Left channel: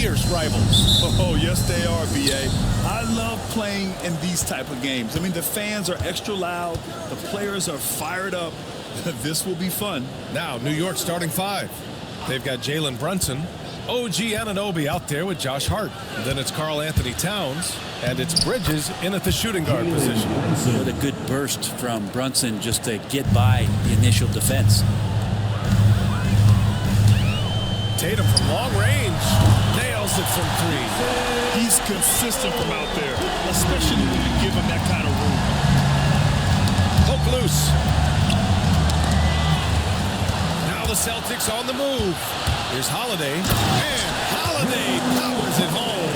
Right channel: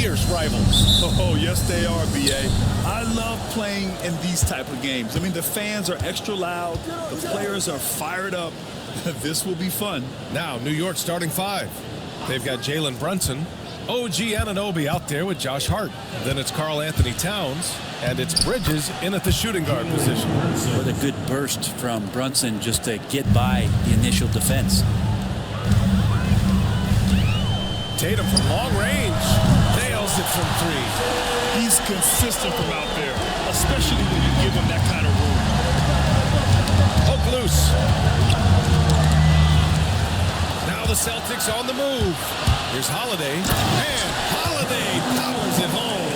fierce rivals. Oh, yes, they are, B.A. I love playing in these type of games. I mean, the fans are extra loud. The players are fired up. This will be fun. Now, New York starting five. They've got Jalen Brunson, OG Anunoby out there with Josh Hart. Then it's Karl Anthony Towns, and it's Bridges in at the shooting guard position. What a good burst from Brunson just to get by the initial defense. Tatum from long range nails it from three. He's consistent from out there, especially when you give him that kind of room. Poke loose. Now the Celtics on the move. Here's Holiday, and Holiday powers it home.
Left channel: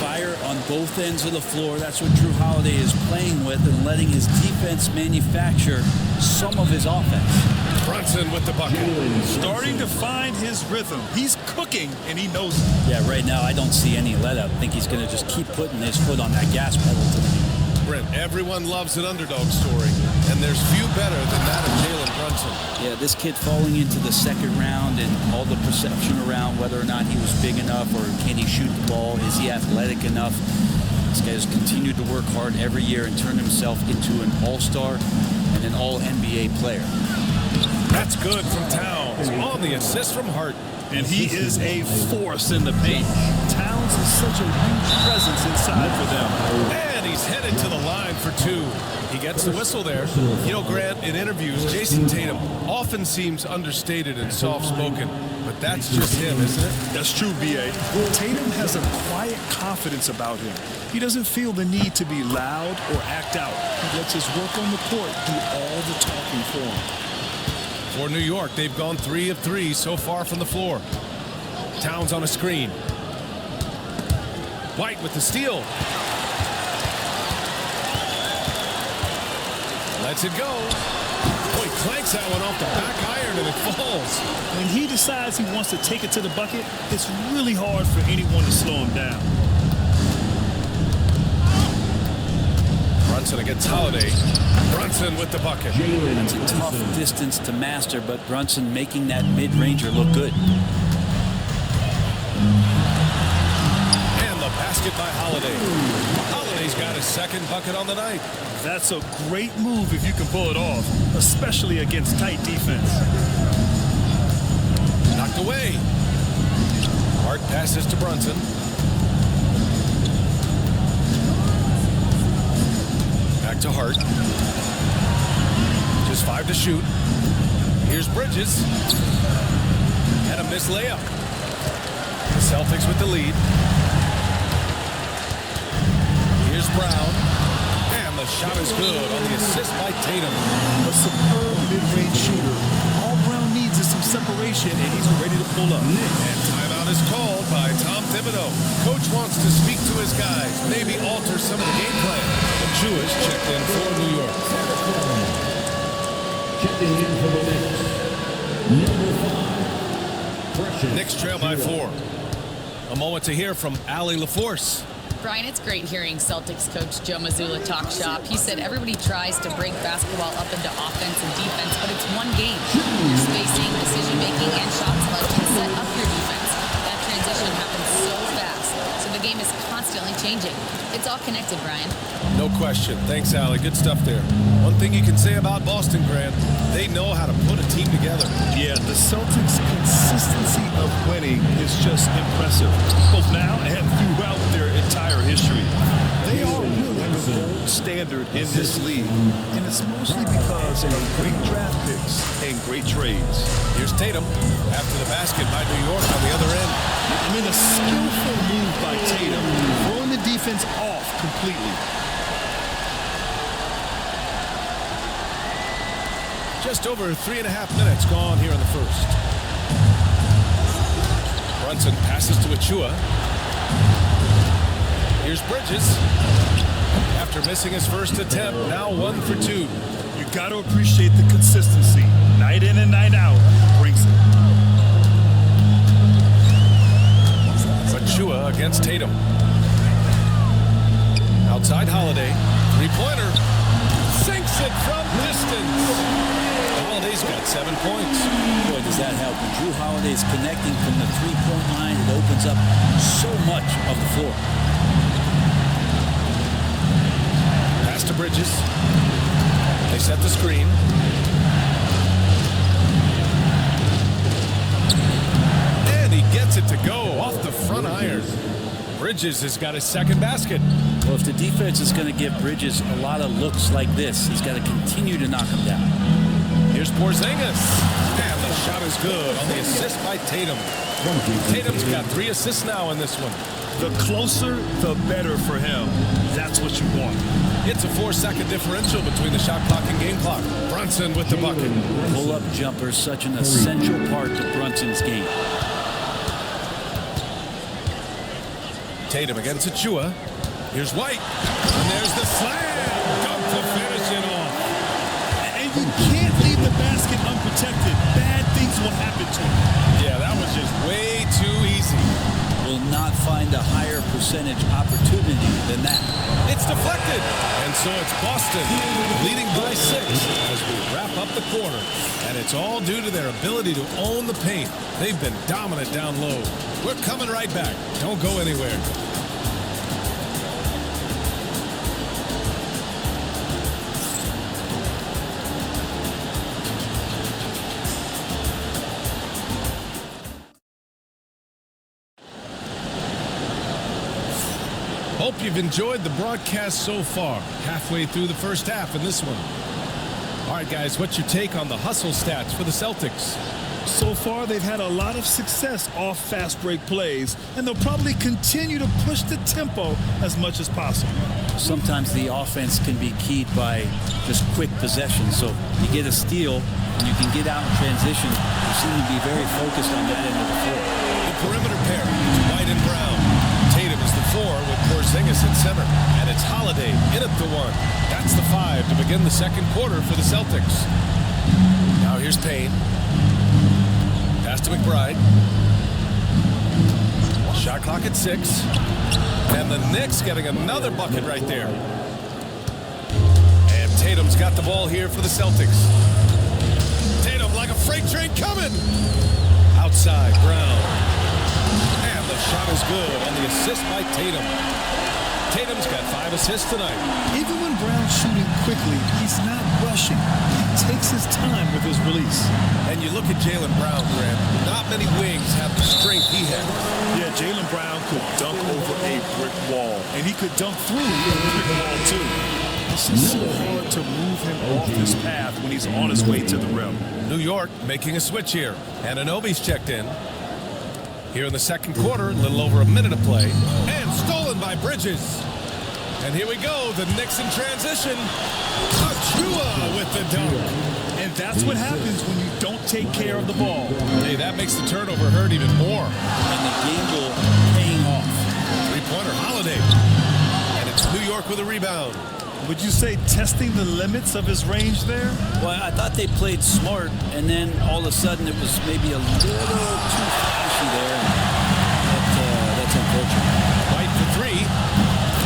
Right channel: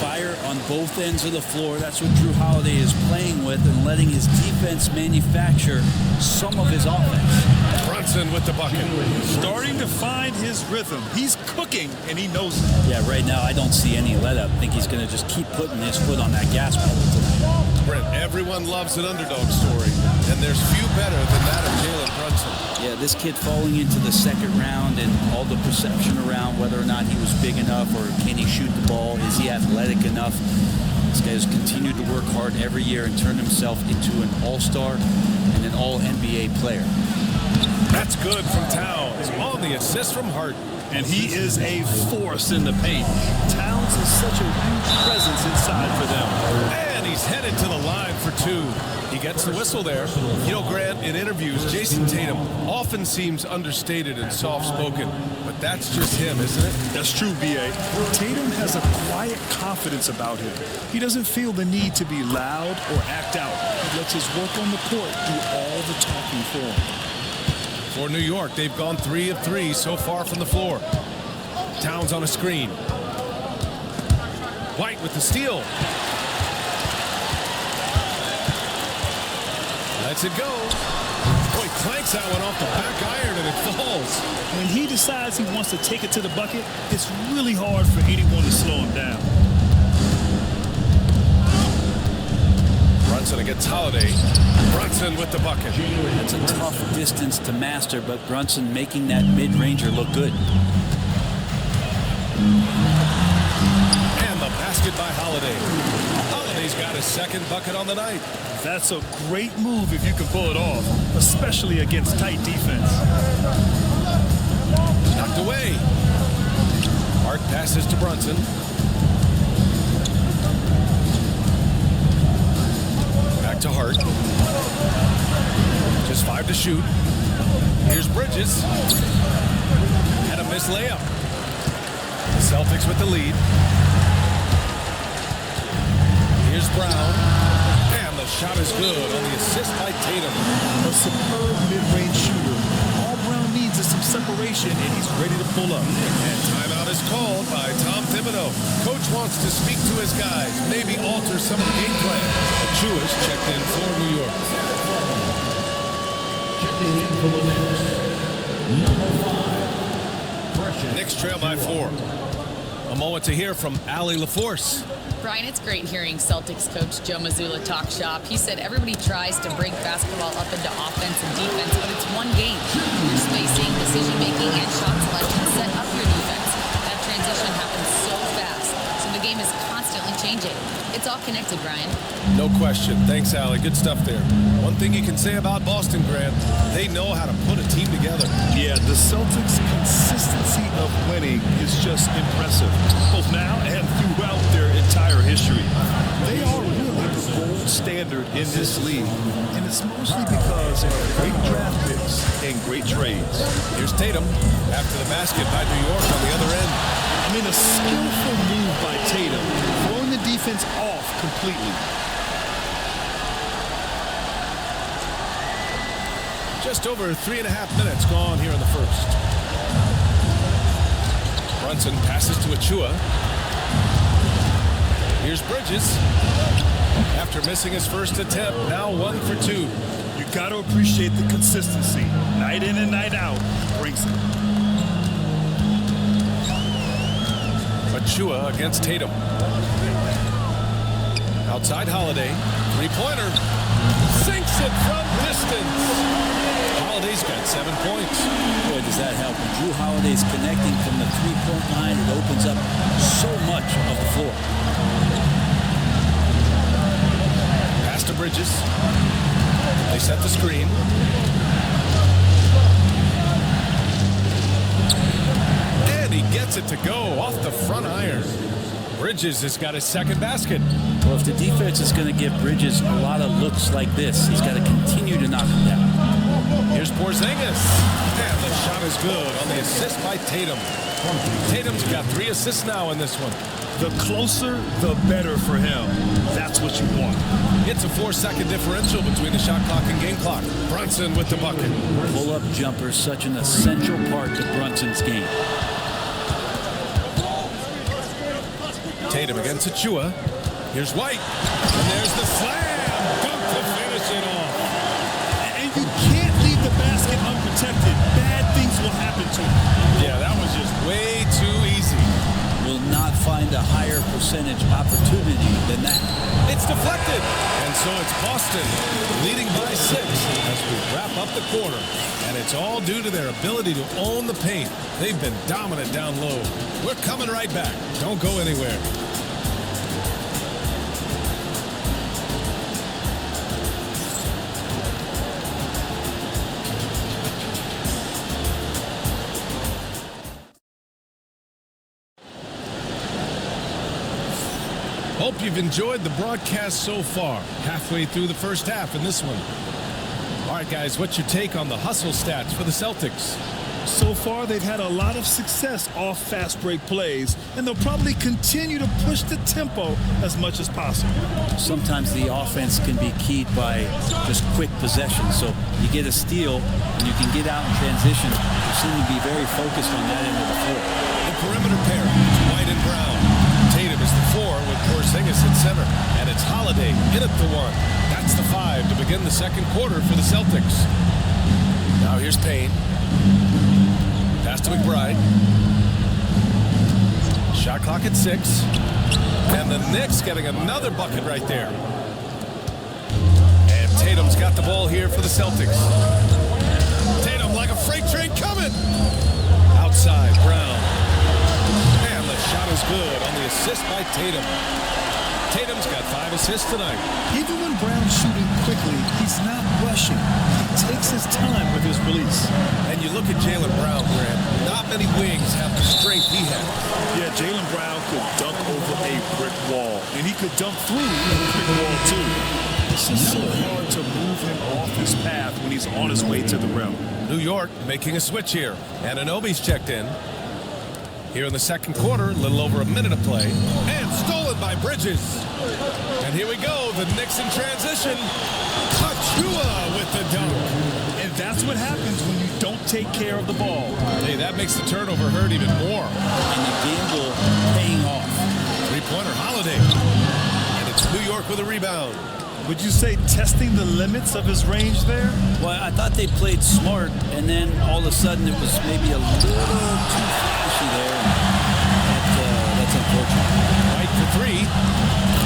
Fire on both ends of the floor. That's what Drew Holiday is playing with and letting his defense manufacture some of his offense. Brunson with the bucket. Starting to find his rhythm. He's cooking, and he knows it. Yeah, right now I don't see any let up. I think he's going to just keep putting his foot on that gas pedal tonight. Brent, everyone loves an underdog story, and there's few better than that of Jalen Brunson. Yeah, this kid falling into the second round and all the perception around whether or not he was big enough or can he shoot the ball, is he athletic enough? This guy has continued to work hard every year and turned himself into an all-star and an all-NBA player. That's good from Towns on the assist from Hart. And he is a force in the paint. Towns is such a huge presence inside for them. And he's headed to the line for two. He gets the whistle there. You know, Grant, in interviews, Jason Tatum often seems understated and soft-spoken. But that's just him, isn't it? That's true, B.A. Tatum has a quiet confidence about him. He doesn't feel the need to be loud or act out. He lets his work on the court do all the talking for him. For New York, they've gone 3 of 3 so far from the floor. Towns on a screen. White with the steal. Lets it go. Boy, clanks that one off the back iron and it falls. When he decides he wants to take it to the bucket, it's really hard for anyone to slow him down. Brunson against Holiday. Brunson with the bucket. That's a tough distance to master, but Brunson making that mid-ranger look good. And the basket by Holiday. Holiday's got his second bucket on the night. That's a great move if you can pull it off, especially against tight defense. Knocked away. Hart passes to Brunson. Back to Hart. Just 5 to shoot. Here's Bridges. And a missed layup. The Celtics with the lead. Here's Brown. And the shot is good on the assist by Tatum. A superb mid-range shooter. All Brown needs is some separation, and he's ready to pull up. And timeout is called by Tom Thibodeau. Coach wants to speak to his guys, maybe alter some of the game plan. Achua's checked in for New York. Checking in for the Knicks, number 5. Knicks trail by 4. A moment to hear from Allie LaForce. Brian, it's great hearing Celtics coach Joe Mazzulla talk shop. He said everybody tries to break basketball up into offense and defense, but it's one game. Your spacing, decision-making, and shot selection set up your defense. That transition happens so fast, so the game is constantly changing. It's all connected, Brian. No question. Thanks, Allie. Good stuff there. One thing you can say about Boston, Grant, they know how to put a team together. Yeah, the Celtics' consistency of winning is just impressive, both now and throughout their entire history. They are really the gold standard in this league, and it's mostly because of great draft picks and great trades. Here's Tatum after the basket by New York on the other end. I mean, a skillful move by Tatum, throwing the defense off completely. Just over 3.5 minutes gone here in the first. Brunson passes to Achua. Here's Bridges. After missing his first attempt, now 1 for 2. You got to appreciate the consistency. Night in and night out, he brings it. Achua against Tatum. Outside Holiday. 3-pointer. Sinks it from distance. Holiday's got 7 points. Boy, does that help. When Drew Holiday's connecting from the three-point line, it opens up so much of the floor. Pass to Bridges. They set the screen. And he gets it to go off the front iron. Bridges has got his second basket. Well, if the defense is going to give Bridges a lot of looks like this, he's got to continue to knock him down. Here's Porzingis. And the shot is good on the assist by Tatum. Tatum's got 3 assists now in this one. The closer, the better for him. That's what you want. It's a 4-second differential between the shot clock and game clock. Brunson with the bucket. Pull-up jumper, such an essential part to Brunson's game. Tatum against Achua. Here's White. And there's the slam dunk to finish it off. And you can't leave the basket unprotected. Bad things will happen to you. Yeah, that was just way too easy. Will not find a higher percentage opportunity than that. It's deflected. And so it's Boston leading by 6 as we wrap up the quarter. And it's all due to their ability to own the paint. They've been dominant down low. We're coming right back. Don't go anywhere. Hope you've enjoyed the broadcast so far. Halfway through the first half in this one. All right, guys, what's your take on the hustle stats for the Celtics? So far, they've had a lot of success off fast break plays, and they'll probably continue to push the tempo as much as possible. Sometimes the offense can be keyed by just quick possession. So you get a steal and you can get out in transition. They seem to be very focused on that end of the floor. The perimeter pair is White and Brown. Tatum is the 4 with Porzingis at center. And it's Holiday in at the 1. That's the 5 to begin the second quarter for the Celtics. Now here's Payne. Pass to McBride. Shot clock at 6. And the Knicks getting another bucket right there. And Tatum's got the ball here for the Celtics. Tatum like a freight train coming. Outside, Brown. And the shot is good on the assist by Tatum. Tatum's got 5 assists tonight. Even when Brown's shooting quickly, he's not rushing. He takes his time with his release. And you look at Jaylen Brown, Grant. Not many wings have the strength he has. Yeah, Jaylen Brown could dunk over a brick wall, and he could dunk through a brick wall, too. It's just so hard to move him off his path when he's on his way to the rim. New York making a switch here. Anunoby's checked in. Here in the second quarter, a little over a minute of play. And stolen by Bridges. And here we go, the Knicks in transition. Achua with the dunk. And that's what happens when you don't take care of the ball. Hey, that makes the turnover hurt even more. And the gamble paying off. Three-pointer Holiday. And it's New York with a rebound. Would you say testing the limits of his range there? Well, I thought they played smart, and then all of a sudden it was maybe a little too flashy there, and that's unfortunate. White for 3.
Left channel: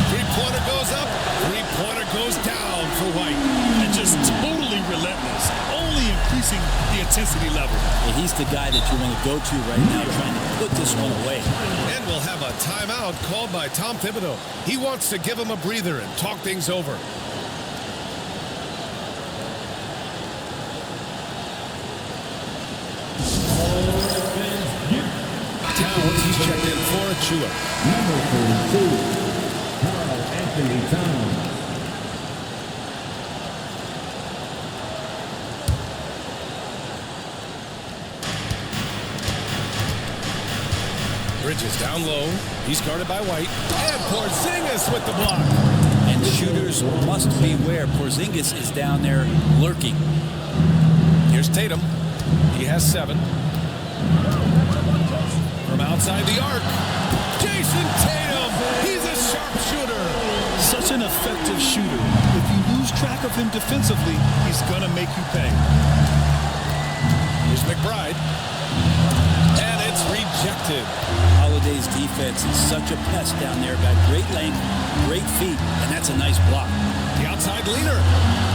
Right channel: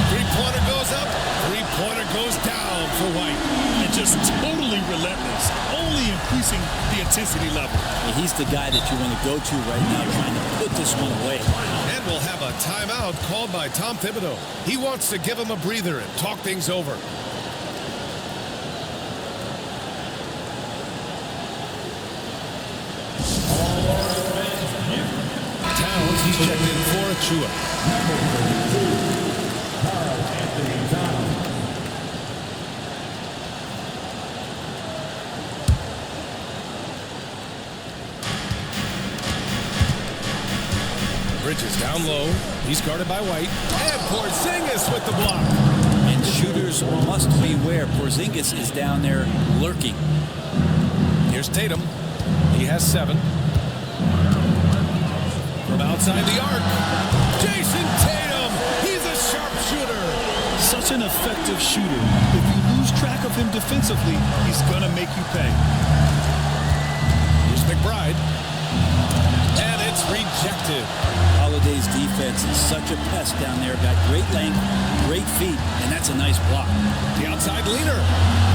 Three-pointer goes up. Three-pointer goes down for White. And just totally relentless, only increasing the intensity level. Yeah, he's the guy that you want to go to right now trying to put this one away. And we'll have a timeout called by Tom Thibodeau. He wants to give him a breather and talk things over. Towns, he's checked in for Achua. Bridges down low. He's guarded by White. And Porzingis with the block. And shooters must beware. Porzingis is down there lurking. Here's Tatum. He has 7. From outside the arc, Jason Tatum. He's a sharpshooter. Such an effective shooter. If you lose track of him defensively, he's going to make you pay. Here's McBride. And it's rejected. Holiday's defense is such a pest down there. Got great length, great feet, and that's a nice block. The outside leaner.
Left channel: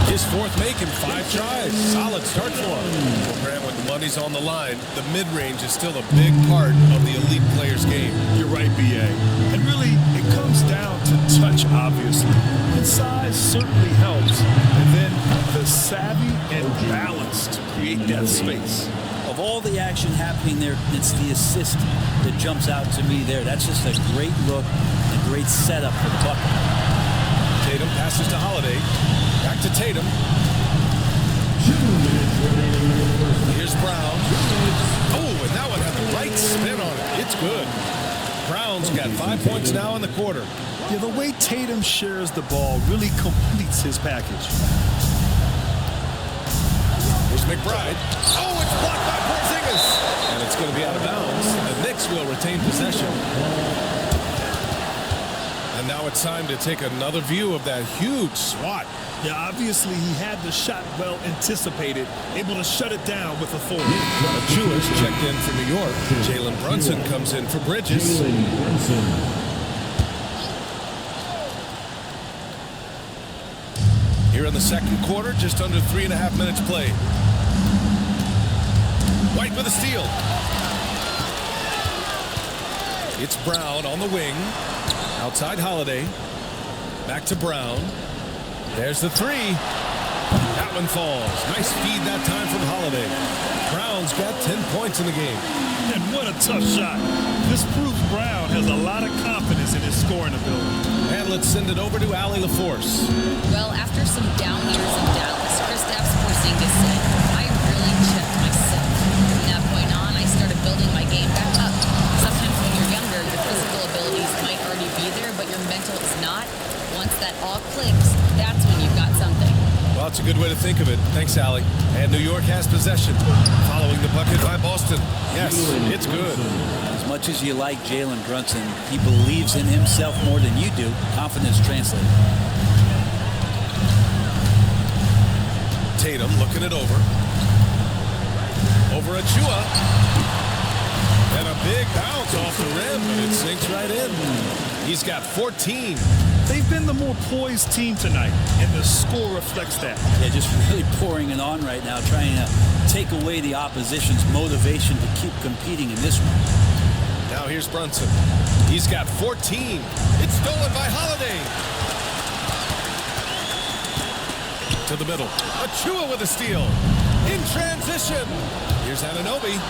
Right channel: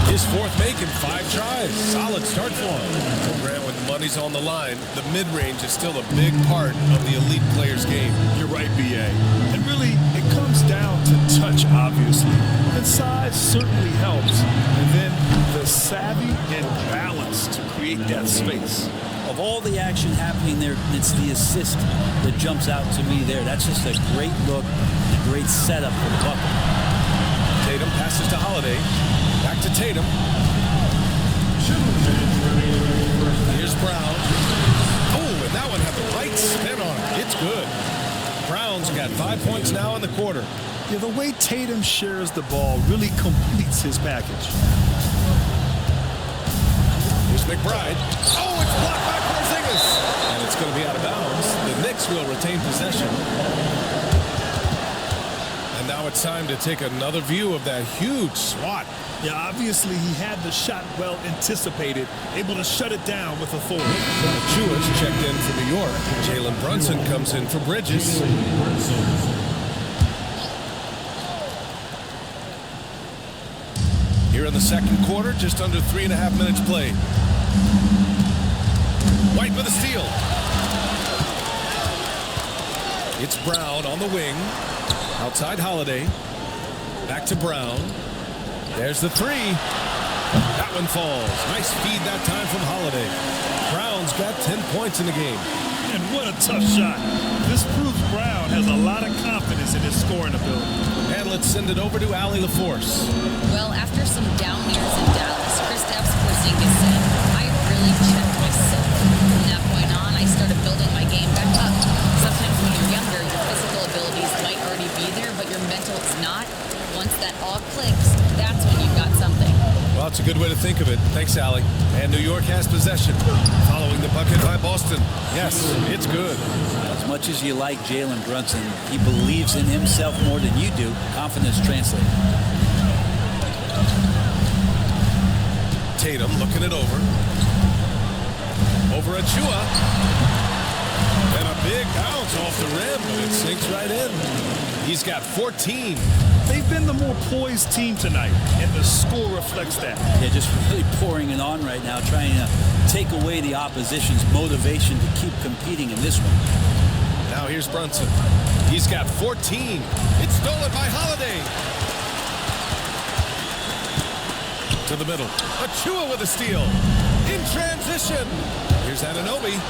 His fourth make in 5 tries. Solid start for him. Well, Grant, when the money's on the line, the mid-range is still a big part of the elite player's game. You're right, B.A. And really, it comes down to touch, obviously. And size certainly helps. And then the savvy and balance to create that space. Of all the action happening there, it's the assist that jumps out to me there. That's just a great look and a great setup for the bucket. Tatum passes to Holiday. Back to Tatum. 2 minutes remaining in the first. Here's Brown. Oh, and that one had the right spin on it. It's good. Brown's got 5 points now in the quarter. Yeah, the way Tatum shares the ball really completes his package. Here's McBride. Oh, it's blocked by Porzingis. And it's going to be out of bounds. The Knicks will retain possession. And now it's time to take another view of that huge swat. Yeah, obviously he had the shot well anticipated, able to shut it down with authority. Achua's checked in for New York. Jalen Brunson comes in for Bridges. Jalen Brunson. Here in the second quarter, just under 3.5 minutes played. White with a steal. It's Brown on the wing. Outside Holiday. Back to Brown. There's the 3. That one falls. Nice feed that time from Holiday. Brown's got 10 points in the game. And what a tough shot. This proves Brown has a lot of confidence in his scoring ability. And let's send it over to Allie LaForce. Well, after some down years in Dallas, Kristaps Porzingis said, I really checked myself. From that point on, I started building my game back up. Sometimes when you're younger, your physical abilities might already be there, but your mental is not. Once that all clicks, that's when you've got something. Well, it's a good way to think of it. Thanks, Allie. And New York has possession. Following the bucket by Boston. Yes, it's good. As much as you like Jalen Brunson, he believes in himself more than you do. Confidence translated. Tatum looking it over. Over Achua. And a big bounce off the rim, but it sinks right in. He's got 14. They've been the more poised team tonight, and the score reflects that. Yeah, just really pouring it on right now, trying to take away the opposition's motivation to keep competing in this one. Now here's Brunson. He's got 14. It's stolen by Holiday. To the middle. Achua with a steal. In transition. Here's Anunoby.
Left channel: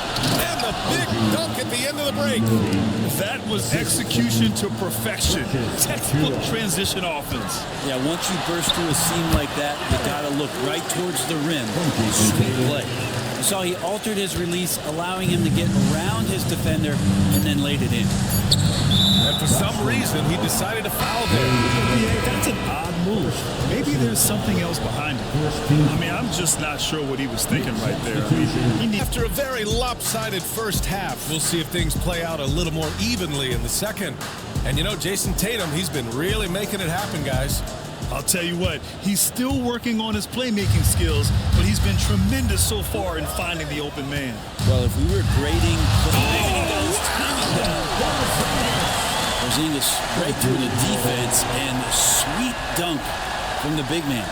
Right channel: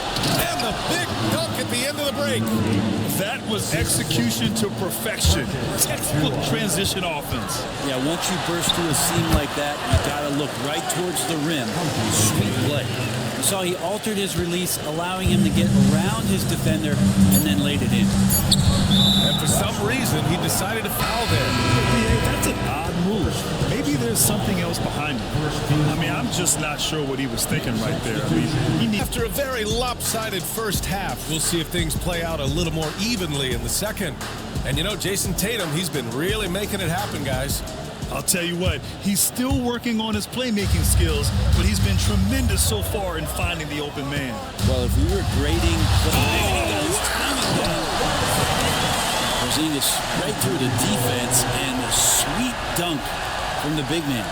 And the big dunk at the end of the break. That was execution to perfection. Textbook transition offense. Yeah, once you burst through a seam like that, you got to look right towards the rim. Sweet play. You saw he altered his release, allowing him to get around his defender and then laid it in. And for some reason, he decided to foul there. Yeah, BA, that's an odd move. Maybe there's something else behind it. I mean, I'm just not sure what he was thinking right there. I mean, After a very lopsided first half, we'll see if things play out a little more evenly in the second. And you know, Jason Tatum, he's been really making it happen, guys. I'll tell you what, he's still working on his playmaking skills, but he's been tremendous so far in finding the open man. Well, if we were grading, he got his timing down. Porzingis right through the defense, and a sweet dunk from the big man.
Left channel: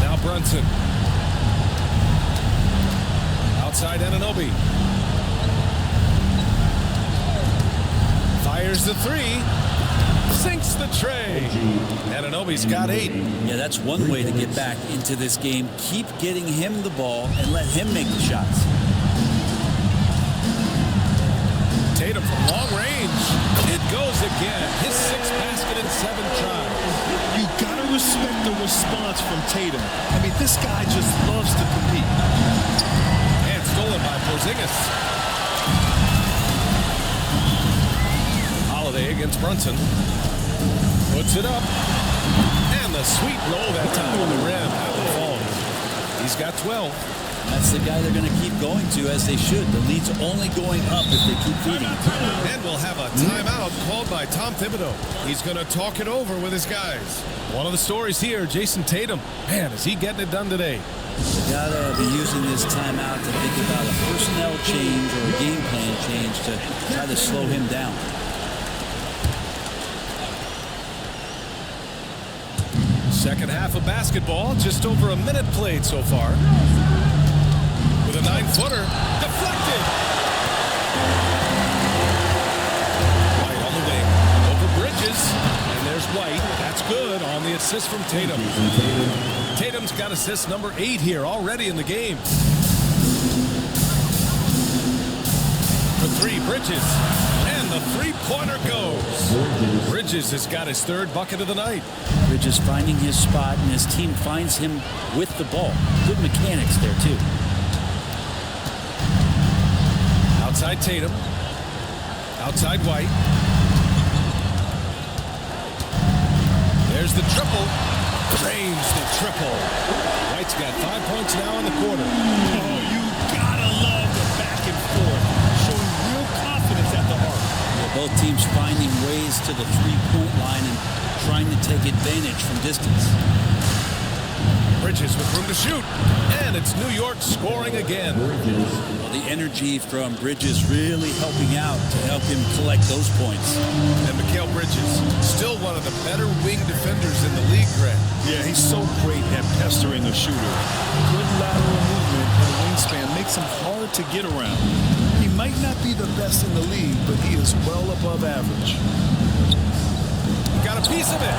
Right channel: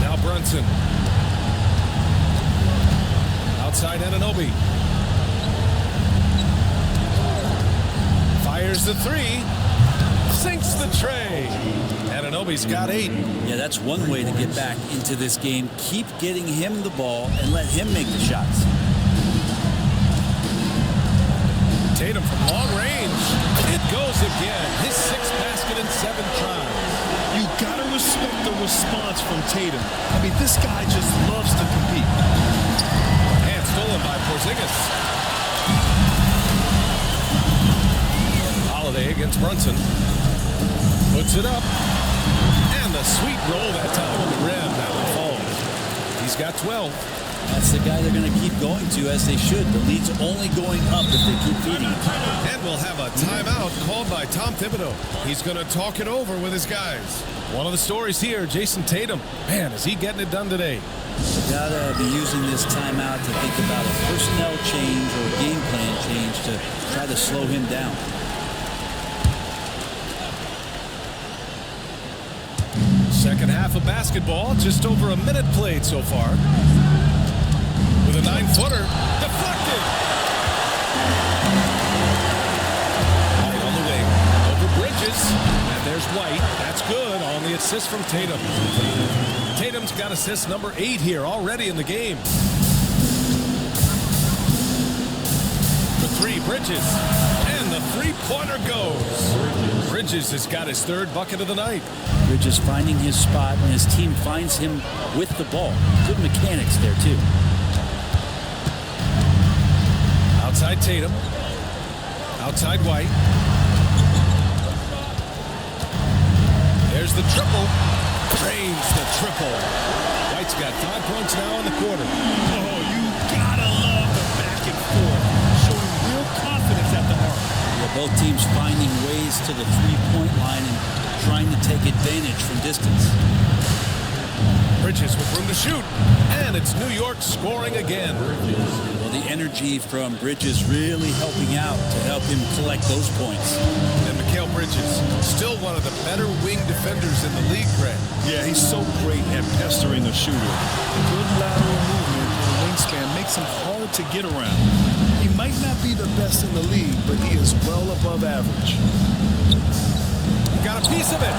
Now Brunson. Outside Anunoby. Fires the 3. Sinks the tray. Anunoby's got 8. Yeah, that's one way to get back into this game. Keep getting him the ball and let him make the shots. Tatum from long range. It goes again. His 6th basket in 7 tries. You gotta respect the response from Tatum. I mean, this guy just loves to compete. And stolen by Porzingis. Holiday against Brunson. Puts it up. And the sweet roll that time on the rim. That one falls. He's got 12. That's the guy they're going to keep going to, as they should. The lead's only going up if they keep feeding him. And we'll have a timeout called by Tom Thibodeau. He's going to talk it over with his guys. One of the stories here, Jason Tatum. Man, is he getting it done today. They got to be using this timeout to think about a personnel change or a game plan change to try to slow him down. Second half of basketball, just over a minute played so far. With a 9-footer, deflected. White on the wing, over Bridges, and there's White. That's good on the assist from Tatum. Tatum's got assist number 8 here already in the game. For 3, Bridges, and the three-pointer goes. Bridges has got his 3rd bucket of the night. Bridges finding his spot, and his team finds him with the ball. Good mechanics there, too. Outside Tatum. Outside White. There's the triple. Drains the triple. White's got 5 points now in the quarter. Oh, you gotta love the back and forth, showing real confidence at the arc. Yeah, both teams finding ways to the three-point line and trying to take advantage from distance. Bridges with room to shoot, and it's New York scoring again. Well, the energy from Bridges really helping out to help him collect those points. And Mikal Bridges, still one of the better wing defenders in the league, Grant. Yeah, he's so great at pestering a shooter. Good lateral movement and wingspan makes him hard to get around. He might not be the best in the league, but he is well above average. He got a piece of it.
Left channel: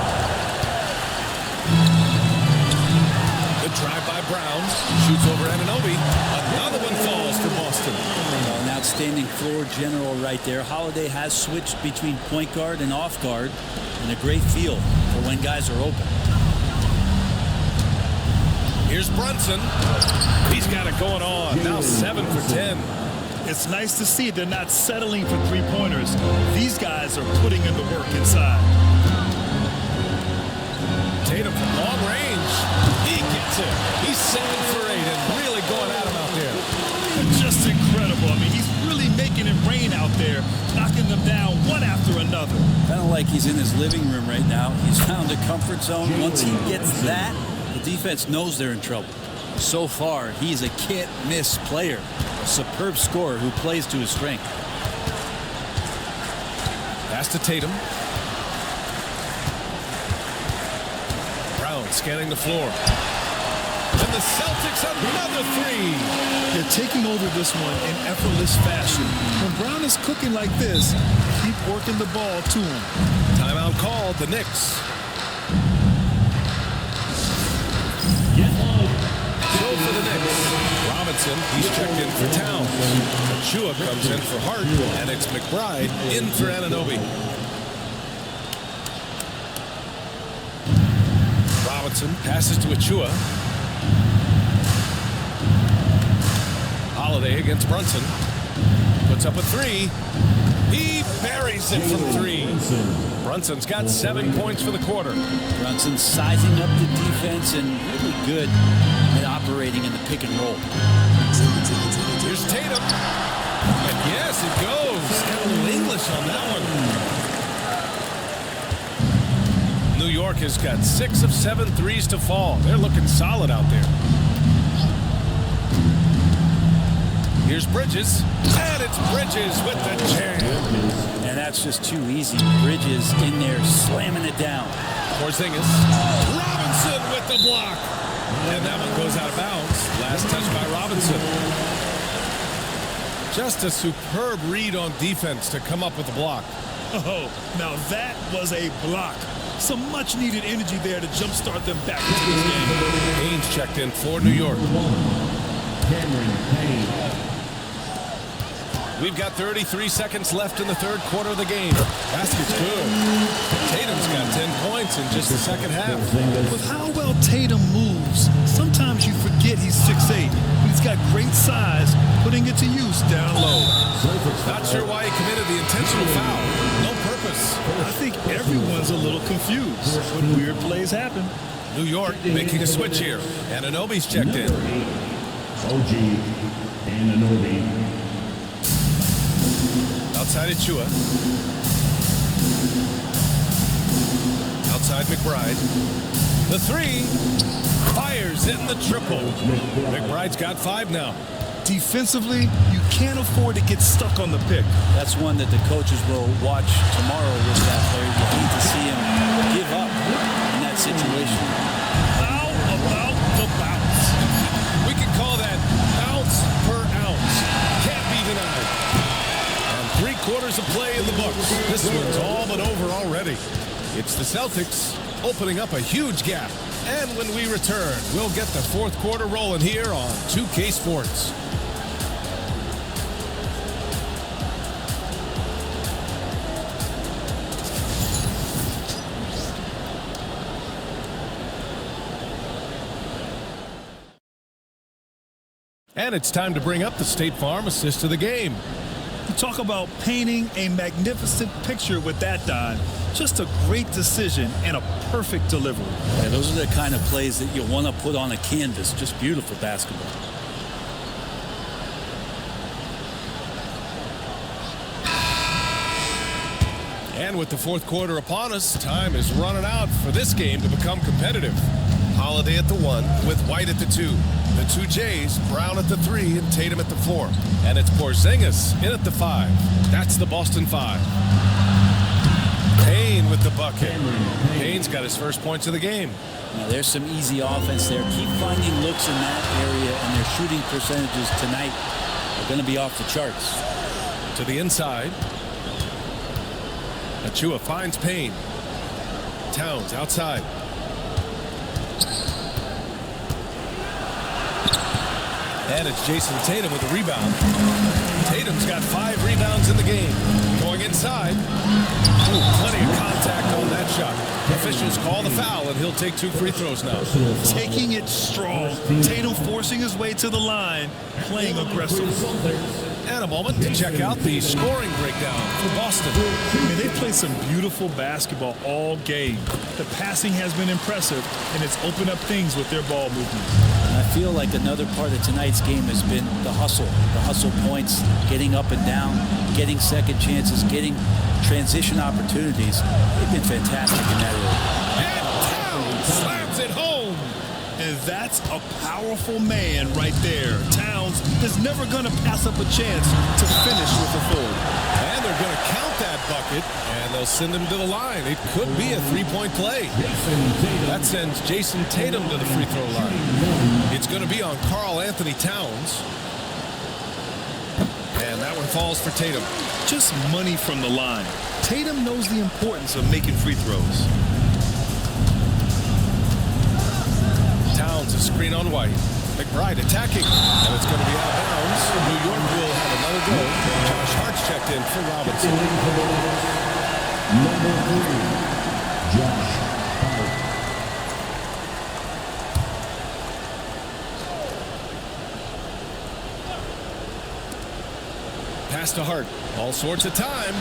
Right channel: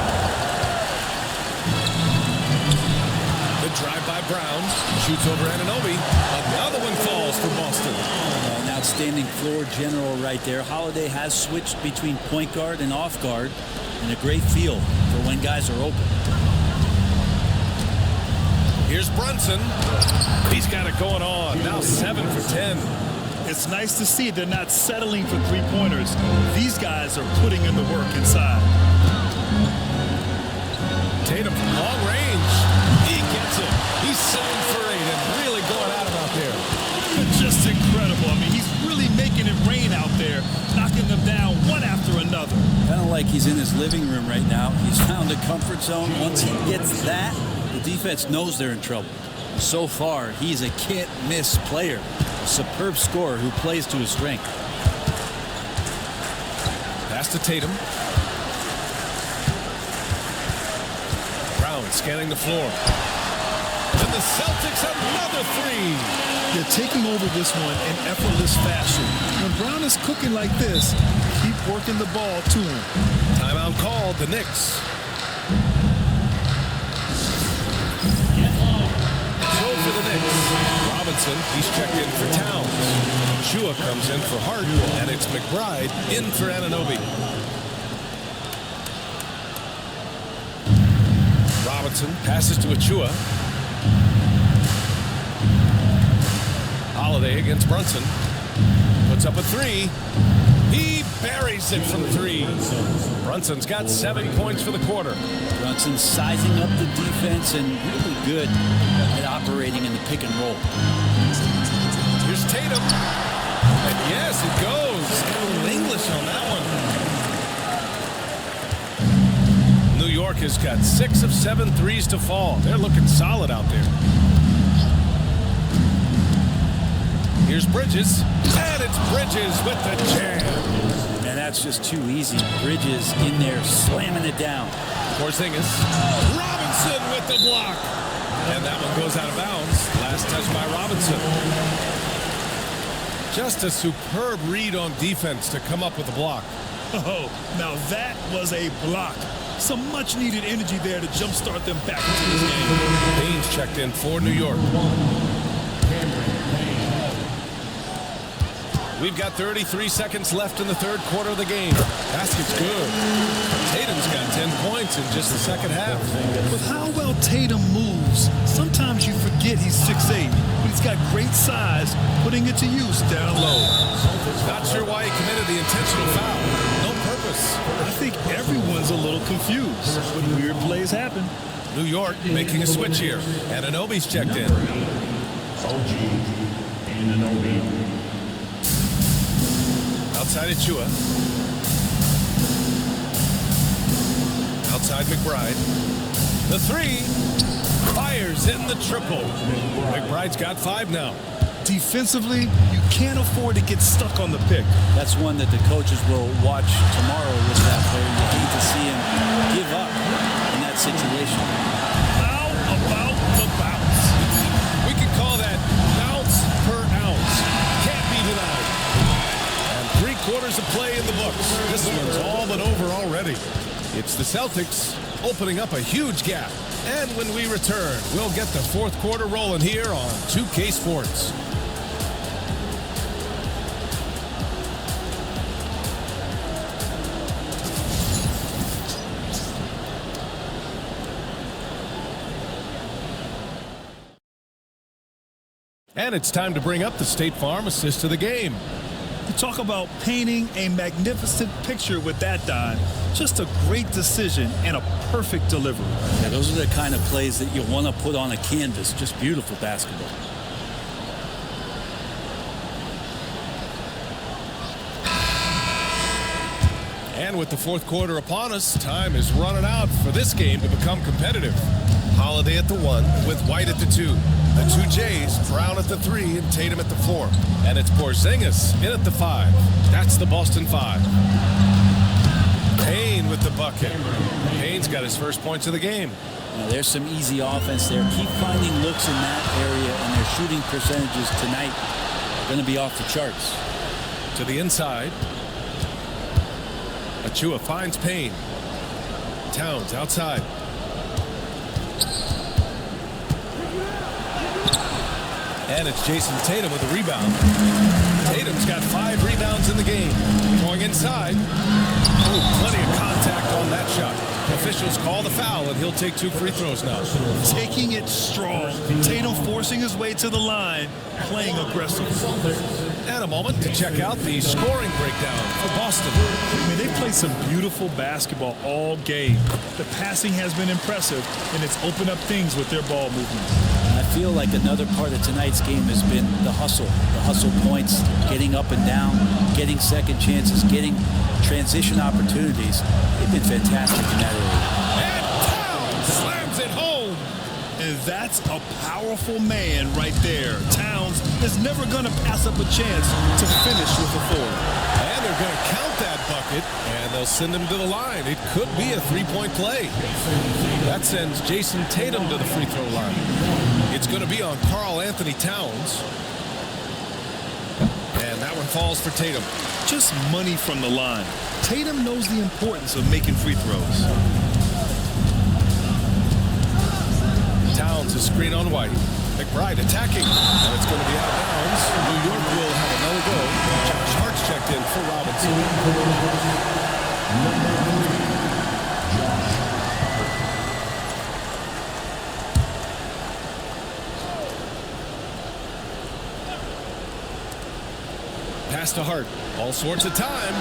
The drive by Brown, shoots over Anunoby. Another one falls for Boston. Well, an outstanding floor general right there. Holiday has switched between point guard and off guard, and a great feel for when guys are open. Here's Brunson. He's got it going on. Now 7 for 10. It's nice to see they're not settling for three-pointers. These guys are putting in the work inside. Tatum from long range. He gets it. He's 7 for 8 and really going at him out there. Just incredible. I mean, he's really making it rain out there, knocking them down one after another. Kind of like he's in his living room right now. He's found a comfort zone. Once he gets that, the defense knows they're in trouble. So far, he's a can't-miss player, a superb scorer who plays to his strength. Pass to Tatum. Brown scanning the floor. And the Celtics another 3. They're taking over this one in effortless fashion. When Brown is cooking like this, keep working the ball to him. Timeout called, the Knicks. So for the Knicks, Robinson, he's checked in for Towns. Achua comes in for Hart, and it's McBride in for Anunoby. Robinson passes to Achua. Holiday against Brunson. Puts up a 3. He buries it from 3. Brunson's got 7 points for the quarter. Brunson sizing up the defense and really good at operating in the pick and roll. Here's Tatum. And yes, it goes. Got a little English on that one. New York has got 6 of 7 threes to fall. They're looking solid out there. Here's Bridges. And it's Bridges with the jam. And that's just too easy. Bridges in there slamming it down. Porzingis. Robinson with the block. And that one goes out of bounds. Last touch by Robinson. Just a superb read on defense to come up with the block. Oh, now that was a block. Some much-needed energy there to jumpstart them back into this game. Payne's checked in for New York. We've got 33 seconds left in the third quarter of the game. Basket's good. Tatum's got 10 points in just the second half. With how well Tatum moves, sometimes you forget he's 6'8", but he's got great size, putting it to use down low. Not sure why he committed the intentional foul. No purpose. I think everyone's a little confused, but weird plays happen. New York making a switch here. Anunoby's checked in. OG Anunoby. Outside Achua. Outside McBride. The 3. Fires in the triple. McBride's got 5 now. Defensively, you can't afford to get stuck on the pick. That's one that the coaches will watch tomorrow with that player. You hate to see him give up in that situation. about the bounce. We can call that bounce per ounce. Can't be denied. And 3 quarters of play in the books. This one's all but over already. It's the Celtics opening up a huge gap. And when we return, we'll get the 4th quarter rolling here on 2K Sports. And it's time to bring up the State Farm assist of the game. You talk about painting a magnificent picture with that dime. Just a great decision and a perfect delivery. Yeah, those are the kind of plays that you want to put on a canvas. Just beautiful basketball. And with the 4th quarter upon us, time is running out for this game to become competitive. Holiday at the 1 with White at the 2. The 2 Jays, Brown at the 3 and Tatum at the 4. And it's Porzingis in at the 5. That's the Boston 5. Payne with the bucket. Payne's got his first points of the game. Now, there's some easy offense there. Keep finding looks in that area, and their shooting percentages tonight are going to be off the charts. To the inside. Achua finds Payne. Towns outside. And it's Jason Tatum with a rebound. Tatum's got 5 rebounds in the game. Going inside. Oh, plenty of contact on that shot. Officials call the foul, and he'll take 2 free throws now. Taking it strong. Tatum forcing his way to the line, playing aggressive. And a moment to check out the scoring breakdown for Boston. I mean, they've played some beautiful basketball all game. The passing has been impressive, and it's opened up things with their ball movement. And I feel like another part of tonight's game has been the hustle points, getting up and down, getting second chances, getting transition opportunities. They've been fantastic in that area. And Towns slams it home. And that's a powerful man right there. Towns is never going to pass up a chance to finish with authority. And they're going to count that bucket, and they'll send him to the line. It could be a 3-point play. That sends Jason Tatum to the free throw line. It's going to be on Karl Anthony Towns. And that one falls for Tatum. Just money from the line. Tatum knows the importance of making free throws. Towns a screen on White. McBride attacking, and it's going to be out of bounds. New York will have another go. Josh Hart's checked in for Robinson. Number 3, Josh Hart. Pass to Hart. All sorts of time.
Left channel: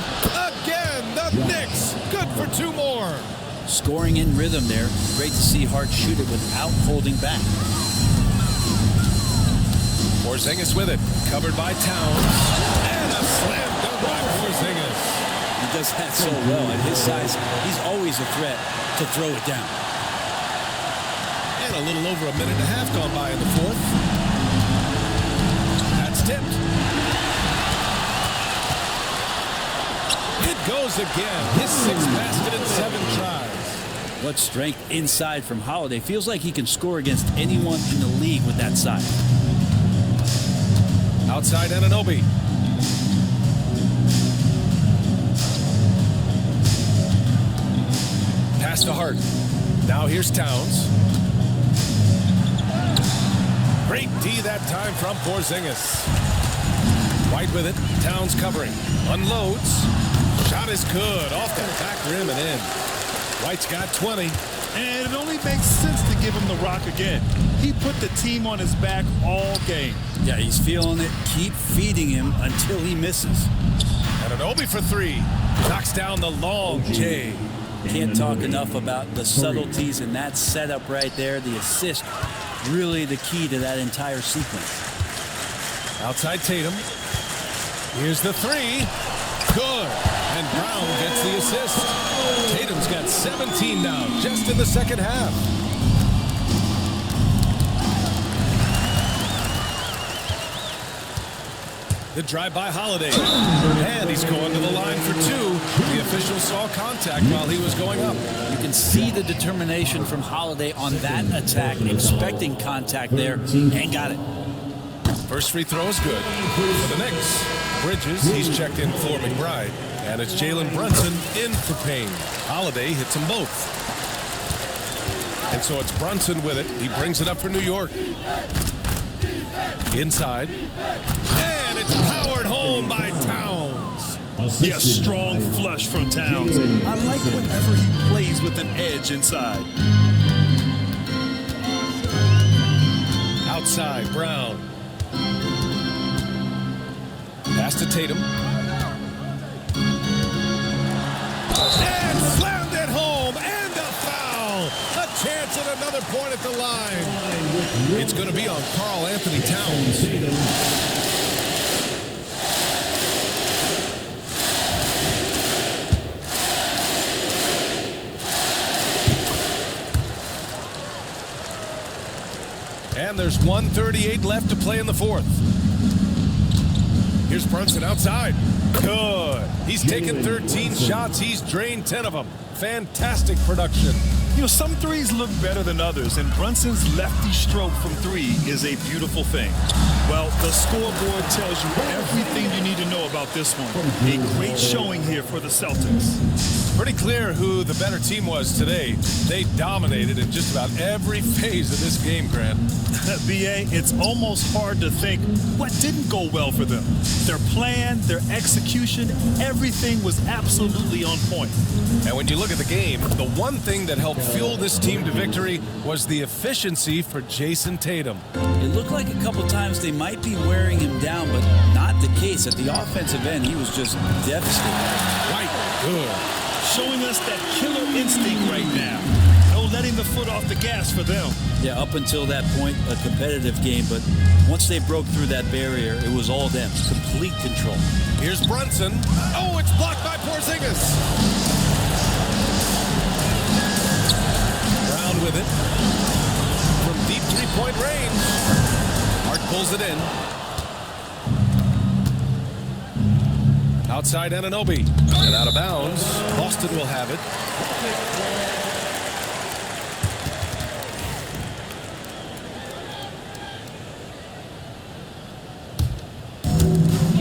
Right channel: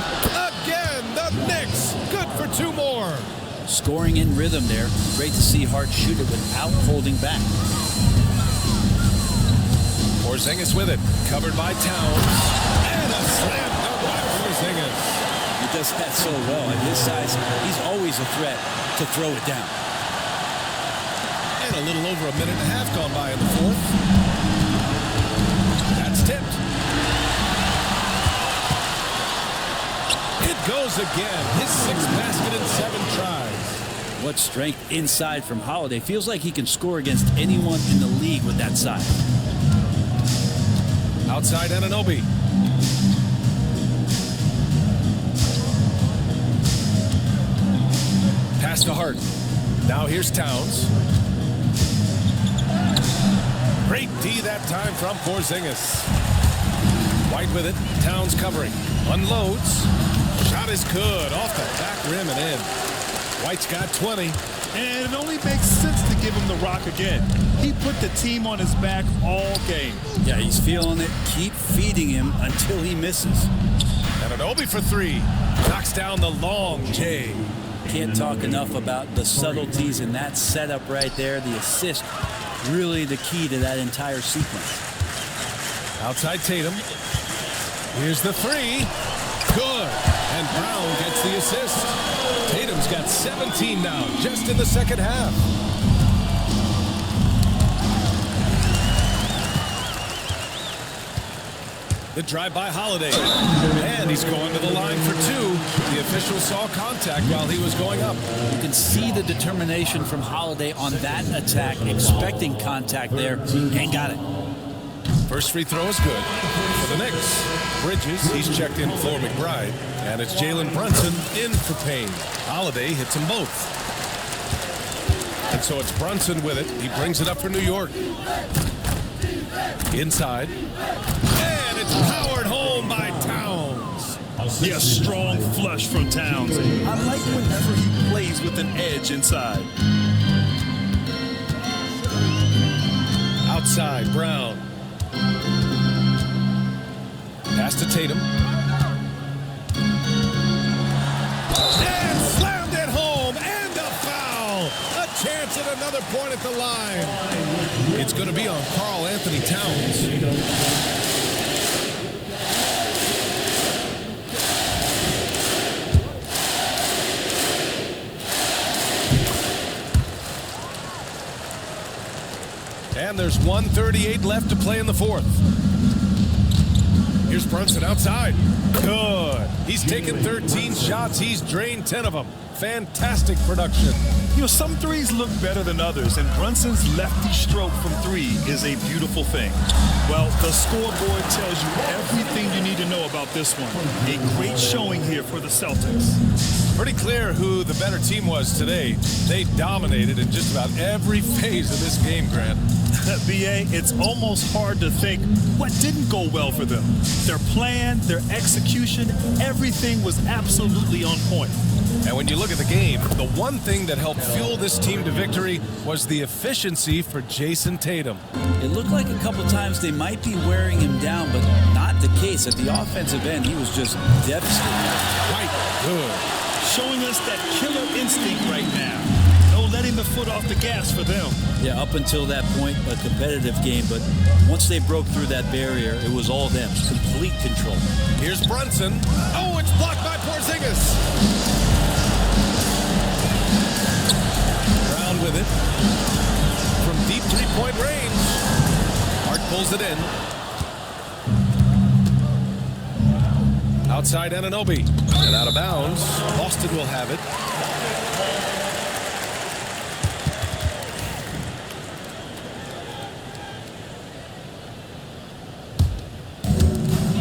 Again, the Knicks. Good for 2 more. Scoring in rhythm there. Great to see Hart shoot it without holding back. Porzingis with it. Covered by Towns. And a slam dunk by Porzingis. He does that so well. At his size, he's always a threat to throw it down. And a little over a minute and a half gone by in the 4th. That's tipped. It goes again. His 6th basket in 7 tries. What strength inside from Holiday. Feels like he can score against anyone in the league with that size. Outside Anunoby. Pass to Hart. Now here's Towns. Great D that time from Porzingis. White with it. Towns covering. Unloads. Shot is good. Off the back rim and in. White's got 20. And it only makes sense to give him the rock again. He put the team on his back all game. Yeah, he's feeling it. Keep feeding him until he misses. Anunoby for 3. Knocks down the long J. Can't talk enough about the subtleties in that setup right there. The assist, really the key to that entire sequence. Outside Tatum. Here's the 3. Good. And Brown gets the assist. Tatum's got 17 now, just in the second half. The drive by Holiday. And he's going to the line for two. The official saw contact while he was going up. You can see the determination from Holiday on that attack, expecting contact there, and got it. First free throw is good for the Knicks. Bridges, he's checked in for McBride. And it's Jalen Brunson in for Payne. Holiday hits them both. And so it's Brunson with it. He brings it up for New York. Inside. And it's powered home by Towns. Yeah, strong flush from Towns. I like whenever he plays with an edge inside. Outside, Brown. Pass to Tatum. And slammed it home, and a foul. A chance at another point at the line. It's going to be on Karl Anthony Towns. And there's 1:38 left to play in the fourth. Here's Brunson outside. Good. He's taken 13 shots. He's drained 10 of them. Fantastic production. You know, some threes look better than others, and Brunson's lefty stroke from three is a beautiful thing. Well, the scoreboard tells you everything you need to know about this one. A great showing here for the Celtics. Pretty clear who the better team was today. They dominated in just about every phase of this game, Grant. B.A., it's almost hard to think what didn't go well for them. Their plan, their execution, everything was absolutely on point. And when you look at the game, the one thing that helped fuel this team to victory was the efficiency for Jason Tatum. It looked like a couple times they might be wearing him down, but not the case. At the offensive end, he was just devastated. White, good. Showing us that killer instinct right now. No letting the foot off the gas for them. Yeah, up until that point, a competitive game, but once they broke through that barrier, it was all them. Complete control. Here's Brunson. Oh, it's blocked by Porzingis. Brown with it. From deep three-point range. Hart pulls it in. Outside Anunoby. And out of bounds. Boston will have it.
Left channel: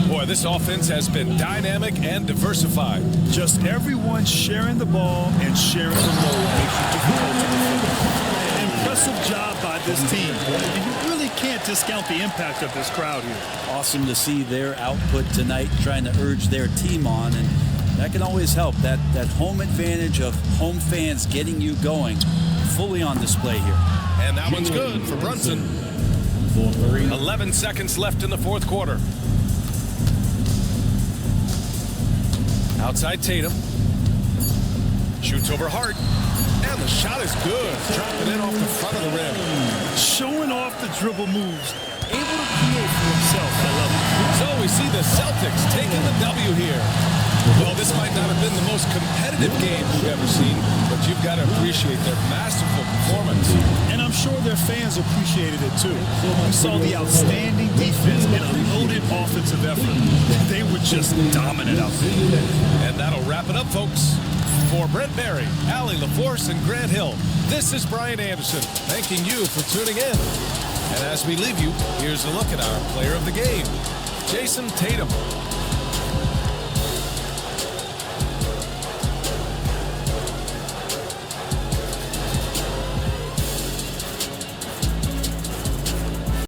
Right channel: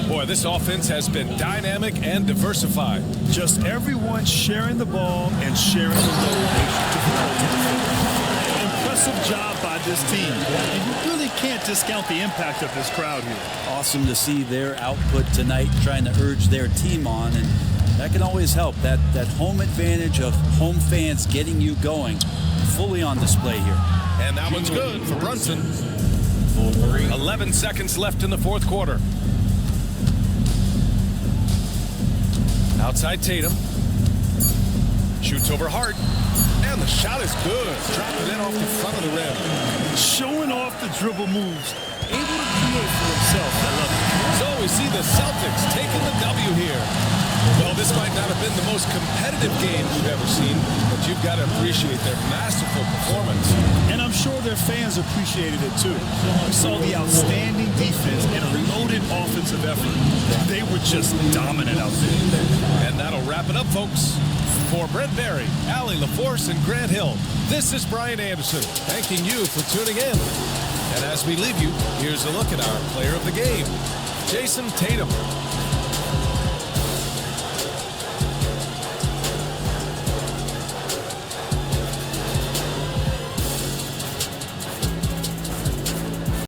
Boy, this offense has been dynamic and diversified. Just everyone sharing the ball and sharing the load makes you difficult to defend. Impressive job by this team, and you really can't discount the impact of this crowd here. Awesome to see their output tonight, trying to urge their team on, and that can always help. That home advantage of home fans getting you going, fully on display here. And that one's good for Brunson. 11 seconds left in the fourth quarter. Outside Tatum. Shoots over Hart. And the shot is good. Dropping it off the front of the rim. Showing off the dribble moves. Able to create for himself. I love it. So we see the Celtics taking the W here. Well, this might not have been the most competitive game we've ever seen, but you've got to appreciate their masterful performance. And I'm sure their fans appreciated it too. We saw the outstanding defense and a loaded offensive effort. They were just dominant out there. And that'll wrap it up, folks. For Brent Barry, Allie LaForce, and Grant Hill, this is Brian Anderson, thanking you for tuning in. And as we leave you, here's a look at our player of the game, Jason Tatum.